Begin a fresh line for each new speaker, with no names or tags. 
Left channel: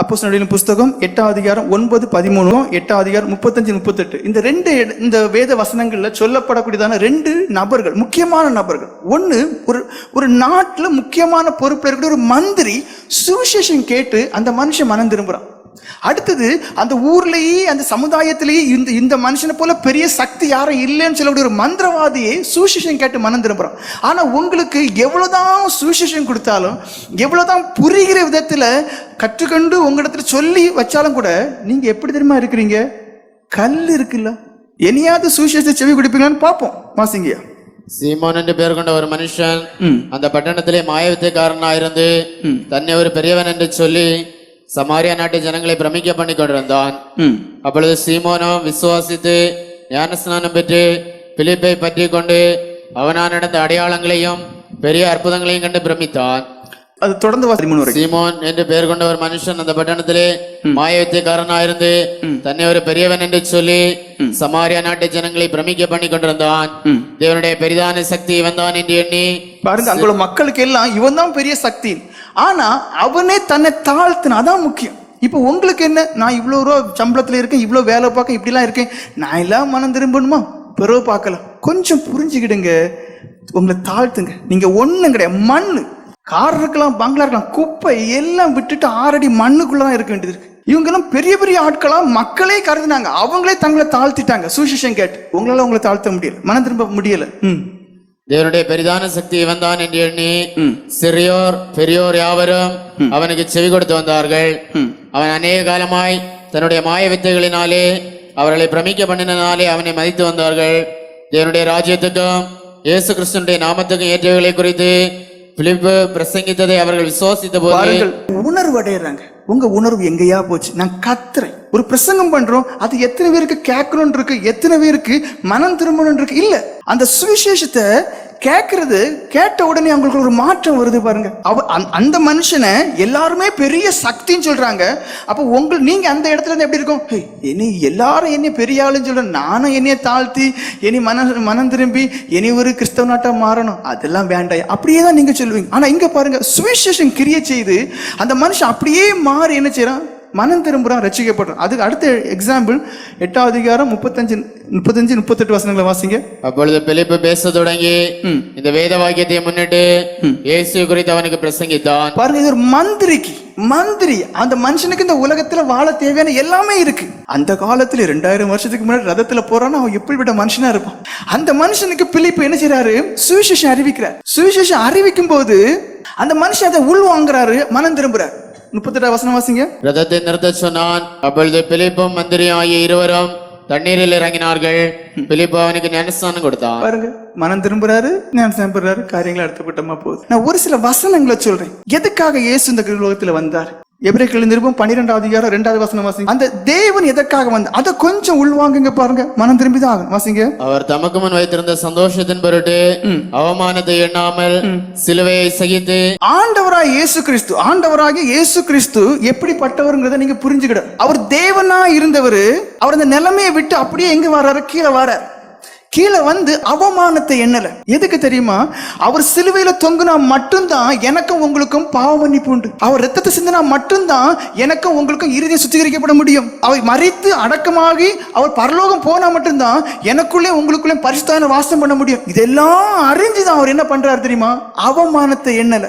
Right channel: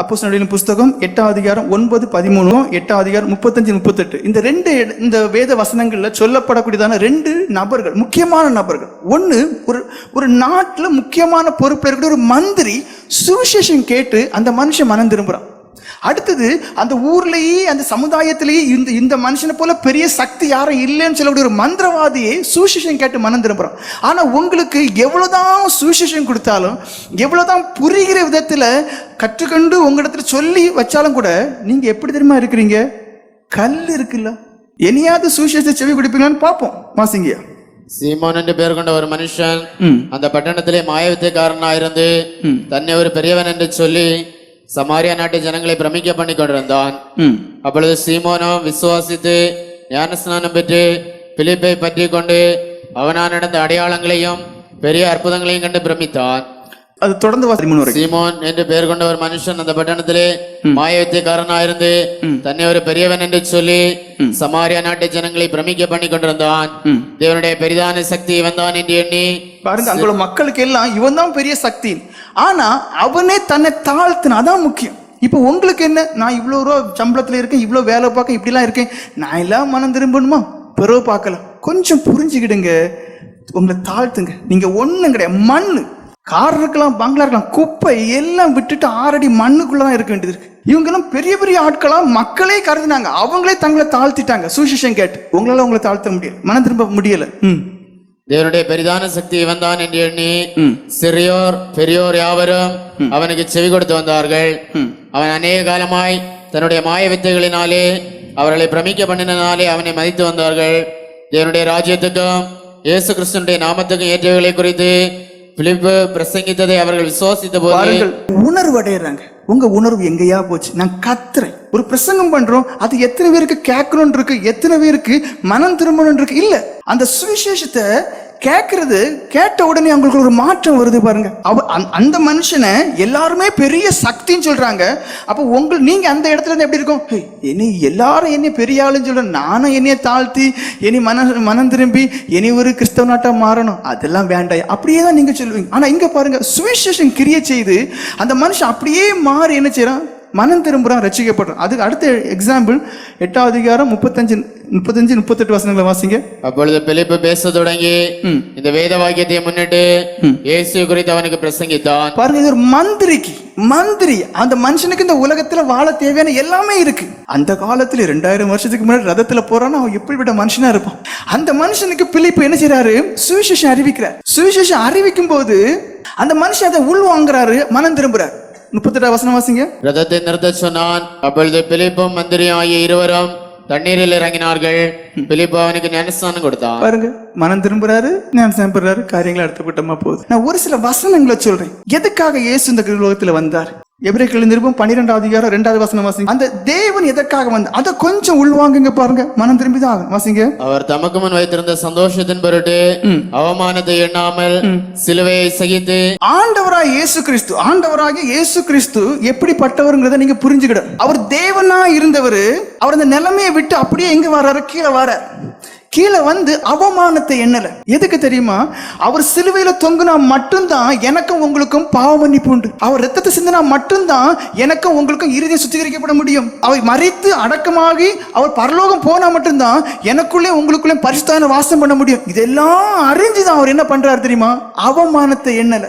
அப்போ புஸ்தகம் எட்டாம் அதிகாரம் ஒன்பது பதிமூணு எட்டாம் அதிகாரம் முப்பத்தஞ்சு முப்பத்தெட்டு. இந்த ரெண்டு இந்த வேத வசனங்கள்ல சொல்லப்படக்கூடியதான ரெண்டு நபர்கள் முக்கியமான நபர்கள். ஒண்ணு ஒரு ஒரு நாட்டுல முக்கியமான பொறுப்பேற்கிற ஒரு மந்திரி சுவிசேஷம் கேட்டு அந்த மனுஷன் மனம் திரும்புறான். அடுத்தது அந்த ஊர்லயே அந்த சமுதாயத்திலேயே இந்த இந்த மனுஷனை போல பெரிய சக்தி யாரும் இல்லைன்னு சொல்லக்கூடிய ஒரு மந்திரவாதியை சுவிசேஷம் கேட்டு மனம் திரும்புறான் ஆனா உங்களுக்கு எவ்வளவுதான் சுவிசேஷம் கொடுத்தாலும் எவ்வளவுதான் புரிகிற விதத்துல கற்றுக்கொண்டு உங்களிடத்துல சொல்லி வச்சாலும் கூட நீங்க எப்படி தெரியுமா இருக்கிறீங்க? கல் இருக்குல்ல. இனியாவது சுவிசேஷத்தை செவி கொடுப்பீங்களான்னு பார்ப்போம். மாசிங்கய்யா
சீமோன் என்று பெயர் கொண்ட ஒரு மனுஷன்
ம்.
அந்த பட்டணத்திலே மாயவித்தைக்காரனாயிருந்து தன்னை ஒரு பெரியவன் ஜனங்களை பிரமிக்க பண்ணி கொண்டிருந்தான்
ம்.
அப்பொழுது சீமோனும் விசுவாசித்து ஞானஸ்நானம் பெற்று பிலிப்பை பற்றி கொண்டு அவனால் நடந்த அடையாளங்களையும் பெரிய அற்புதங்களையும் கண்டு பிரமித்தான்.
அது
சீமோன் என்று பெயர் கொண்ட ஒரு மனுஷன் அந்த பட்டணத்திலே மாயவித்தைக்காரனாயிருந்து தன்னை ஒரு பெரியவன் என்று சொல்லி சமாரியா நாட்டு ஜனங்களை பிரமிக்க பண்ணி கொண்டிருந்தான்.
ம்.
தேவனுடைய பெரிதான சக்தி வந்தான் என்று எண்ணி
பாருங்க அங்குள்ள மக்களுக்கு எல்லாம் இவன் தான் பெரிய சக்தி. ஆனா அவனே தன்னை தாழ்த்தின அதான் முக்கியம். இப்போ உங்களுக்கு என்ன? நான் இவ்வளோ ரூபா சம்பளத்துல இருக்கேன் இவ்வளோ வேலை பார்க்க இப்படிலாம் இருக்கேன். நான் எல்லாம் மனம் திரும்பணுமா? பிறகு பார்க்கலாம். கொஞ்சம் புரிஞ்சுக்கிடுங்க. உங்களை தாழ்த்துங்க. நீங்க ஒண்ணும் கிடையாது. மண்ணு. கார் இருக்கலாம் பங்களா இருக்கலாம் குப்பை எல்லாம் விட்டுட்டு ஆறடி மண்ணுக்குள்ள தான் இருக்க வேண்டியது இருக்கு. இவங்கெல்லாம் பெரிய பெரிய ஆட்களா மக்களே கருதுனாங்க. அவங்களே தங்களை தாழ்த்திட்டாங்க. சுவிசேஷம் கேட்டு. உங்களால உங்களை தாழ்த்த முடியல. மனம் திரும்ப முடியல.
தேவனுடைய பெரிதான சக்தி வந்தான் என்று எண்ணி சிறியோர் பெரியோர் யாவரும் அவனுக்கு செவி கொடுத்து வந்தார்கள். அவன் அநேக காலமாய் தன்னுடைய மாய வித்தைகளினாலே அவர்களை பிரமிக்க பண்ணினாலே அவனை மதித்து வந்தார்கள். தேவனுடைய ராஜ்யத்துக்கும் இயேசு கிறிஸ்துடைய நாமத்துக்கும் ஏற்றவைகளை குறித்து பிலிப்பு பிரசங்கித்ததை அவர்கள் விசுவாசித்த போது
உணர்வு அடையறாங்க. உங்க உணர்வு எங்கேயா போச்சு? நான் கத்துறேன். ஒரு பிரசங்கம் பண்றோம் அது எத்தனை பேருக்கு கேட்கணும் இருக்கு எத்தனை பேருக்கு மனம் திரும்பணும் இருக்கு? இல்ல. அந்த சுவிசேஷத்தை கேட்கறது கேட்ட உடனே அவங்களுக்கு ஒரு மாற்றம் வருது பாருங்க. அவ அந்த- அந்த மனுஷனை எல்லாருமே பெரிய சக்தின்னு சொல்றாங்க. அப்போ உங்கள் நீங்க அந்த இடத்துல இருந்து எப்படி இருக்கும்? என்னை எல்லாரும் என்னை பெரிய ஆளுன்னு சொல்ற நானும் என்னைய தாழ்த்தி என்னை மன மனம் திரும்பி இனி ஒரு கிறிஸ்தவ நாட்டா மாறணும். அதெல்லாம் வேண்டாம். அப்படியே தான் நீங்க சொல்லுவீங்க. ஆனா இங்க பாருங்க சுவிசேஷன் கிரியை செய்து அந்த மனுஷன் அப்படியே மாறி என்ன செய்யறான் மனம் திரும்புறான் ரசிக்கப்படுறான் அதுக்கு அடுத்த எக்ஸாம்பிள் எட்டாவது அதிகாரம் முப்பத்தஞ்சு முப்பத்தஞ்சு முப்பத்தெட்டு வசனங்களை வாசிங்க.
அப்பொழுது பிலிப்பு பேச தொடங்கி இந்த வேத வாக்கியத்தை முன்னிட்டு இயேசு குறித்து அவனுக்கு பிரசங்கித்தான்.
பாருங்க இது ஒரு மந்திரிக்கு மந்திரி. அந்த மனுஷனுக்கு இந்த உலகத்துல வாழ தேவையான எல்லாமே இருக்கு. அந்த காலத்துல ரெண்டாயிரம் வருஷத்துக்கு முன்னாடி ரதத்துல போறான்னு அவன் எப்படிப்பட்ட மனுஷனா இருப்பான். அந்த மனுஷனுக்கு பிலிப்பு என்ன செய்றாரு? சுவிசேஷம் அறிவிக்கிறார். சுவிசேஷம் அறிவிக்கும் போது அந்த மனுஷன் அதை உள் வாங்குறாரு மனம் திரும்புறாரு. முப்பத்தெட்டாம் வசனம் வாசிங்க.
ரதத்தை நிறுத்த சொன்னான். அப்பொழுது பிலிப்பும் மந்திரியும் ஆகிய இருவரும் தண்ணீரில் இறங்கினார்கள். பிலிப்பு அவனுக்கு ஞானஸ்தானம் கொடுத்தான்.
பாருங்க மனம் திரும்புறாரு ஞானம் பெறாரு காரியங்கள் அடுத்தப்பட்டமா போகுது. நான் ஒரு சில வசனங்களை சொல்றேன். எதுக்காக இயேசு இந்த உலகத்துல வந்தார்? எபிரேக்கள் நிருபம் பன்னிரெண்டாவது அதிகாரம் ரெண்டாவது வசனம் வாசிங்க. அந்த தேவன் எதற்காக வந்தார்? அதை கொஞ்சம் உள்வாங்குங்க பாருங்க மனம் திரும்பி தான் ஆகும் வாசிங்க.
அவர் தமக்கு முன் வைத்திருந்த சந்தோஷத்தின் பொருட்டு அவமானத்தை எண்ணாமல் சிலுவையை சகித்து
ஆண்டவராக இயேசு கிறிஸ்து ஆண்டவராக இயேசு கிறிஸ்து எப்படிப்பட்டவருங்கிறத நீங்க புரிஞ்சுக்கிடும் அவர் தேவனா இருந்தவர் அவர் அந்த நிலைமையை விட்டு அப்படியே எங்க வர்றாரு கீழே வர கீழே வந்து அவமானத்தை எண்ணல. எதுக்கு தெரியுமா? அவர் சிலுவையில தொங்குனா மட்டும்தான் எனக்கும் உங்களுக்கும் பாவ மன்னிப்பு உண்டு. அவர் ரத்தத்தை சிந்தினா மட்டும்தான் எனக்கும் உங்களுக்கும் இறுதியை சுத்திகரிக்கப்பட முடியும். அவர் மறித்து அடக்கமாகி அவர் பரலோகம் போனா மட்டும்தான் எனக்குள்ளே உங்களுக்குள்ளே பரிசுத்தான வாசம் பண்ண முடியும். இதெல்லாம் அறிஞ்சுதான் அவர் என்ன பண்றாரு தெரியுமா? அவமானத்தை எண்ணல.